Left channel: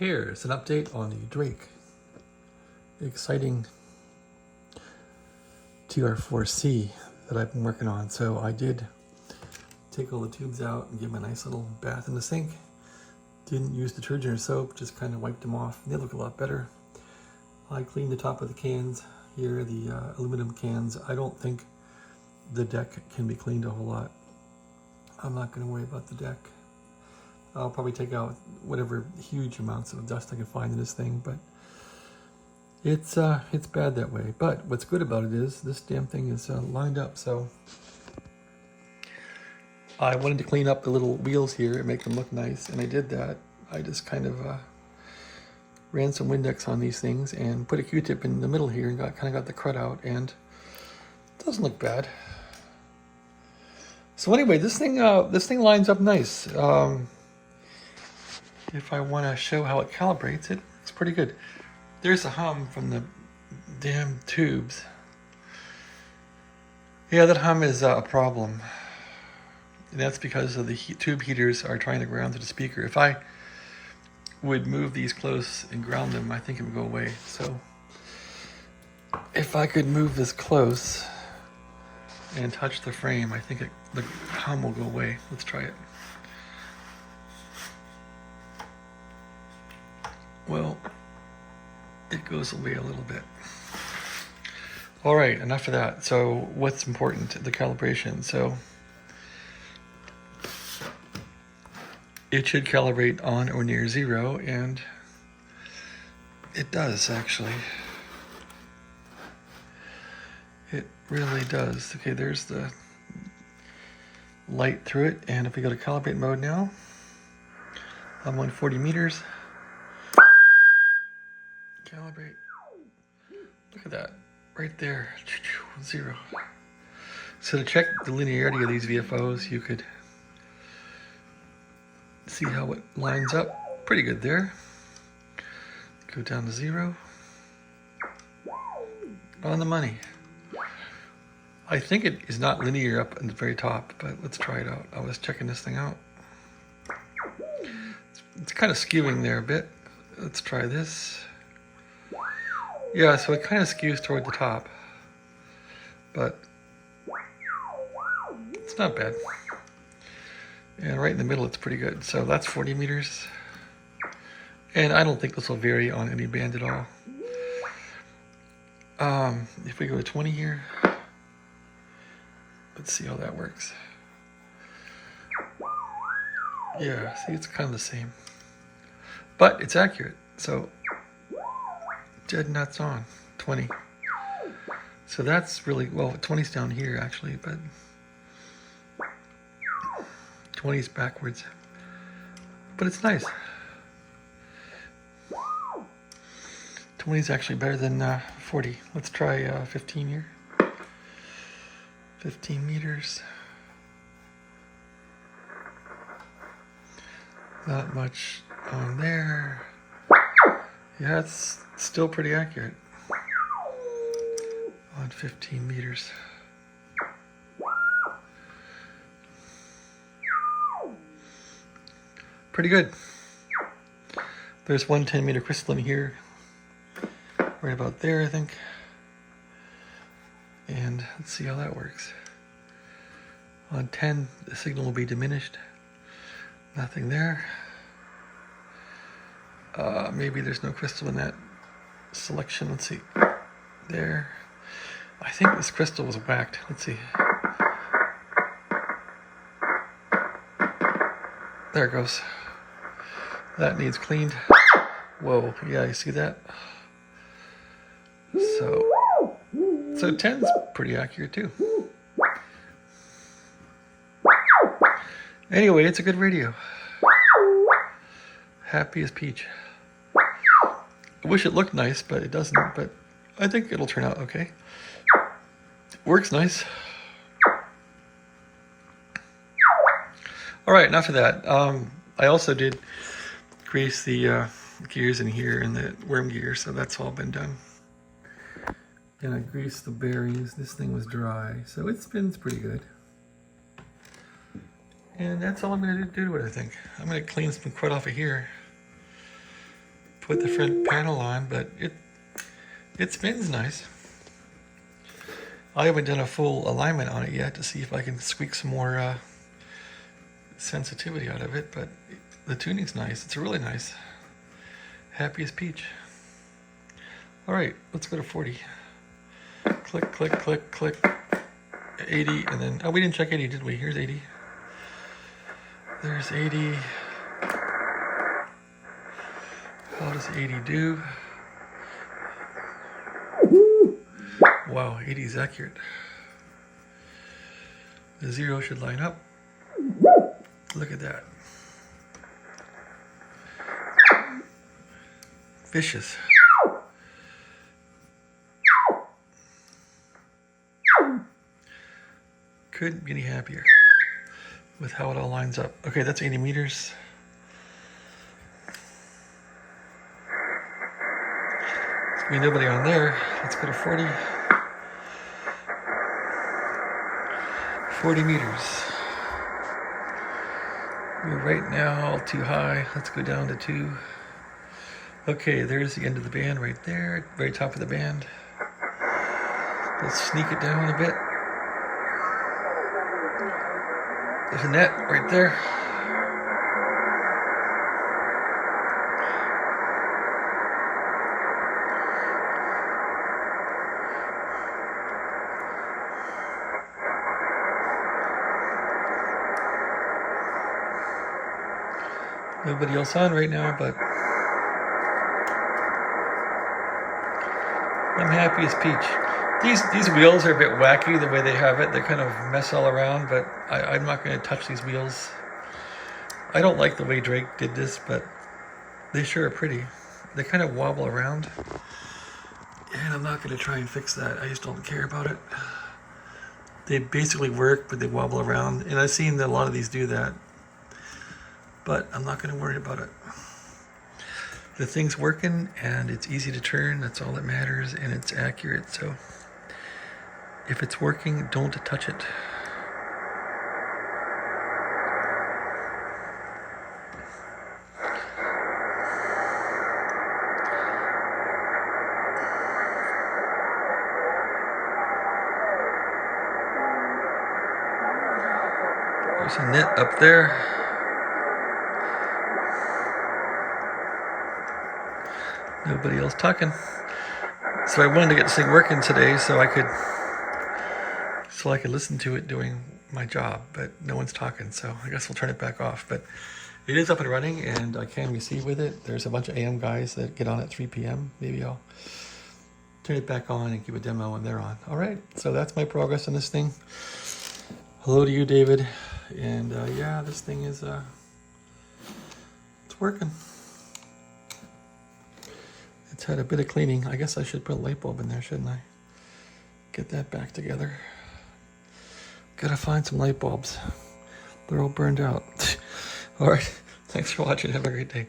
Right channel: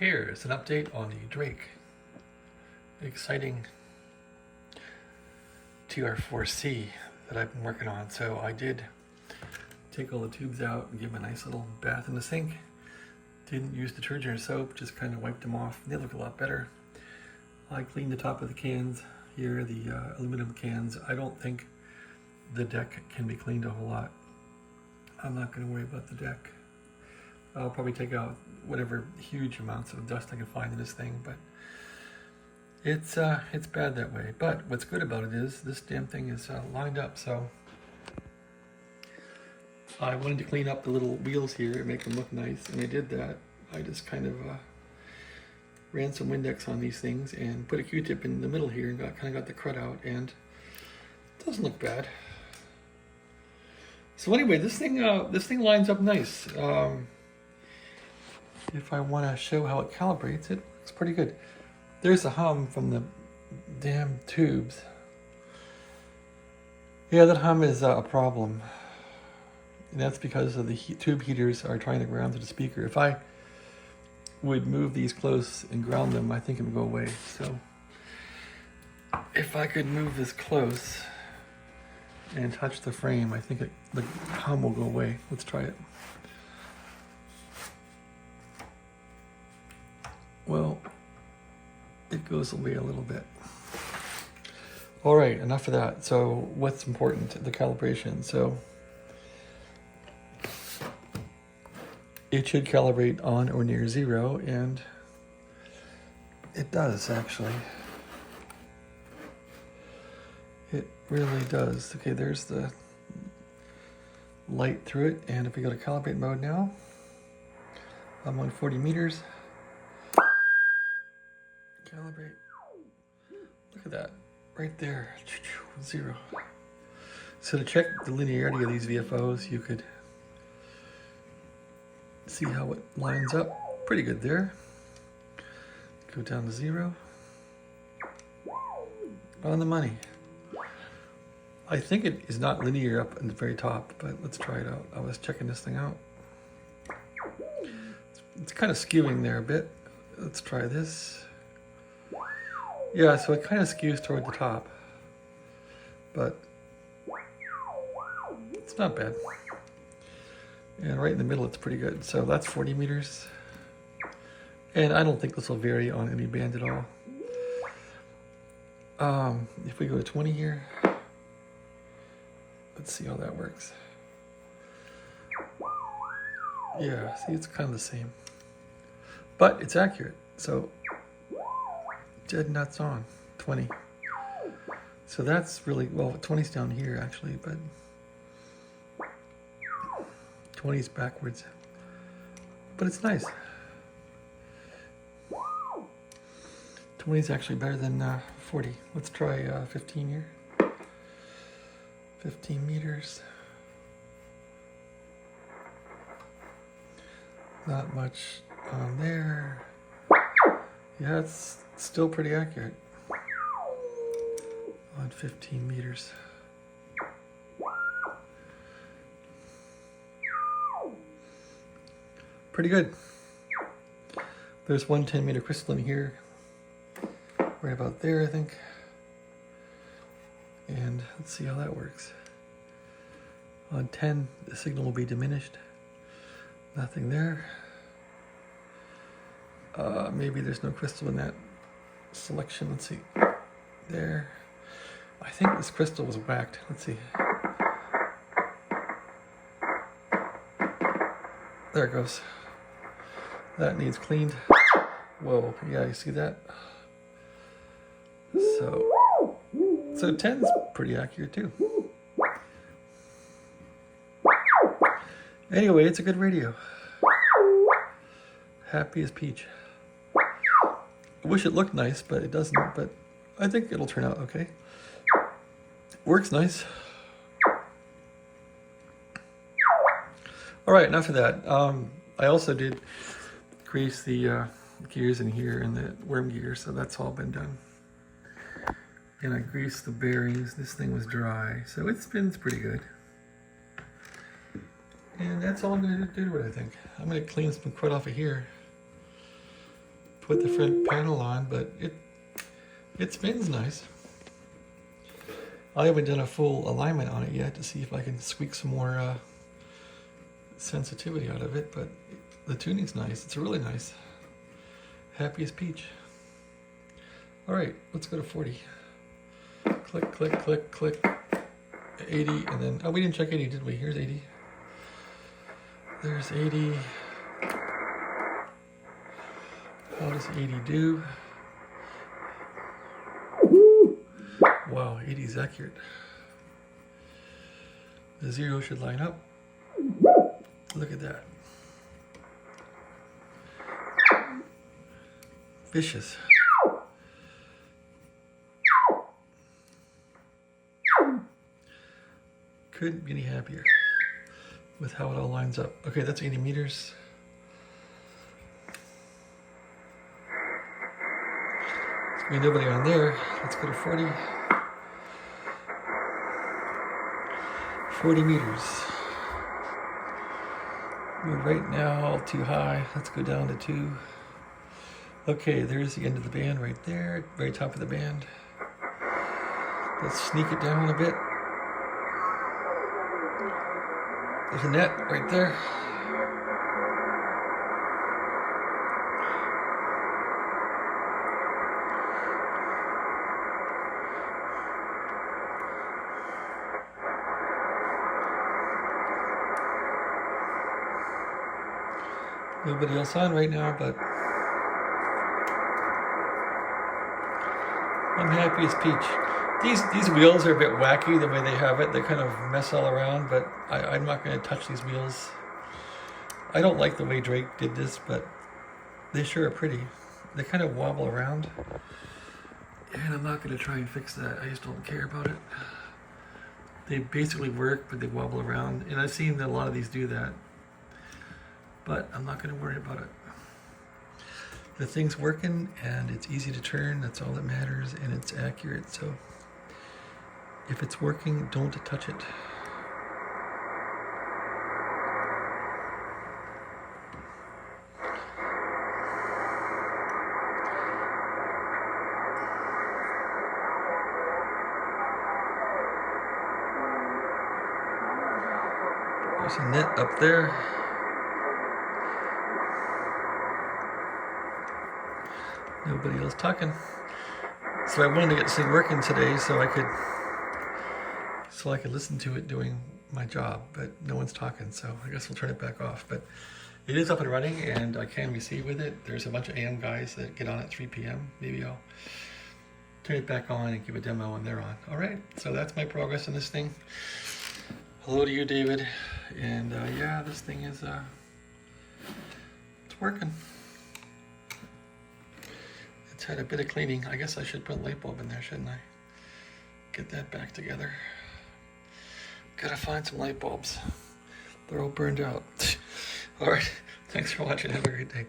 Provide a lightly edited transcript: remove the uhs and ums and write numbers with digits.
Here's an update on the Drake. The exciting TR4C that I've been working on. So I did take all the tubes out and give them a nice little bath in the sink. Didn't use detergent or soap, just kind of wiped them off. They look a lot better. I cleaned the top of the cans here, the aluminum cans. I don't think the deck can be cleaned a whole lot. I'm not going to worry about the deck. I'll probably take out whatever huge amounts of dust I can find in this thing, but it's bad that way. But what's good about it is this damn thing is lined up. So I wanted to clean up the little wheels here and make them look nice, and I did that. I just kind of ran some Windex on these things and put a Q-tip in the middle here and kind of got the crud out, and it doesn't look bad. So anyway, this thing lines up nice. If I want to show how it calibrates, it looks pretty good. There's a hum from the damn tubes. Yeah, that hum is a problem. And that's because of the tube heaters are trying to ground to the speaker. If I would move these close and ground them, I think it would go away. So if I could move this close and touch the frame, I think the hum will go away. Let's try it. Well, it goes away a little bit. All right, enough of that. So what's important? The calibration. So it should calibrate on or near 0, and it does actually. It really does. Okay, there's the light through it, and if we go to calibrate mode now, I'm on 40 meters. Calibrate. Look at that, right there, 0. So to check the linearity of these VFOs, you could see how it lines up. Pretty good there. Go down to 0. On the money. I think it is not linear up in the very top, but let's try it out. I was checking this thing out. It's kind of skewing there a bit. Let's try this. Yeah, so it kind of skews toward the top, but it's not bad. And right in the middle, it's pretty good. So that's 40 meters. And I don't think this will vary on any band at all. If we go to 20 here, let's see how that works. Yeah, see, it's kind of the same, but it's accurate. So dead nuts on 20. So that's really, well, 20's down here actually, but 20's backwards. But it's nice. 20's actually better than 40. Let's try 15 here. 15 meters. Not much on there. Yeah, it's still pretty accurate on 15 meters. Pretty good. There's one 10-meter crystal in here, right about there, I think. And let's see how that works. On 10, the signal will be diminished. Nothing there. Maybe there's no crystal in that selection. Let's see. There. I think this crystal was whacked. Let's see. There it goes. That needs cleaned. Whoa, yeah, you see that? So 10's pretty accurate too. Anyway, it's a good radio. Happy as peach. I wish it looked nice, but it doesn't. But I think it'll turn out okay. Works nice. All right, enough of that. I also did grease the gears in here and the worm gear, so that's all been done. And I greased the bearings. This thing was dry, so it spins pretty good. And that's all I'm going to do with it, I think. I'm going to clean some crud off of here. put the front panel on, but it spins nice. I haven't done a full alignment on it yet to see if I can squeak some more sensitivity out of it, but the tuning's nice. It's really nice. Happy as peach. All right, let's go to 40. Click, click, click, click. 80, and then, oh, we didn't check 80, did we? Here's 80. There's 80. How does 80 do? Wow, 80 is accurate. The 0 should line up. Look at that. Vicious. Couldn't be any happier with how it all lines up. Okay, that's 80 meters. There's gonna be nobody on there. Let's go to 40. 40 meters. We're right now too high. Let's go down to 2. Okay, there's the end of the band right there, very top of the band. Let's sneak it down a bit. There's a net right there. Nobody else on right now, but I'm happy as peach. These wheels are a bit wacky the way they have it. They kind of mess all around, but I'm not going to touch these wheels. I don't like the way Drake did this, but they sure are pretty. They kind of wobble around, and I'm not going to try and fix that. I just don't care about it. They basically work, but they wobble around, and I've seen that a lot of these do that, but I'm not going to worry about it. The thing's working, and it's easy to turn. That's all that matters, and it's accurate, so if it's working, don't touch it. There's a net up there. Nobody else talking. So I wanted to get this thing working today so I could listen to it doing my job, but no one's talking, so I guess we'll turn it back off. But it is up and running, and I can receive with it. There's a bunch of AM guys that get on at 3 p.m. Maybe I'll turn it back on and give a demo when they're on. All right, so that's my progress on this thing. Hello to you, David. And yeah, this thing is it's working. It's had a bit of cleaning. I guess I should put a light bulb in there, shouldn't I? Get that back together. Gotta find some light bulbs. They're all burned out. All right, thanks for watching. Have a great day.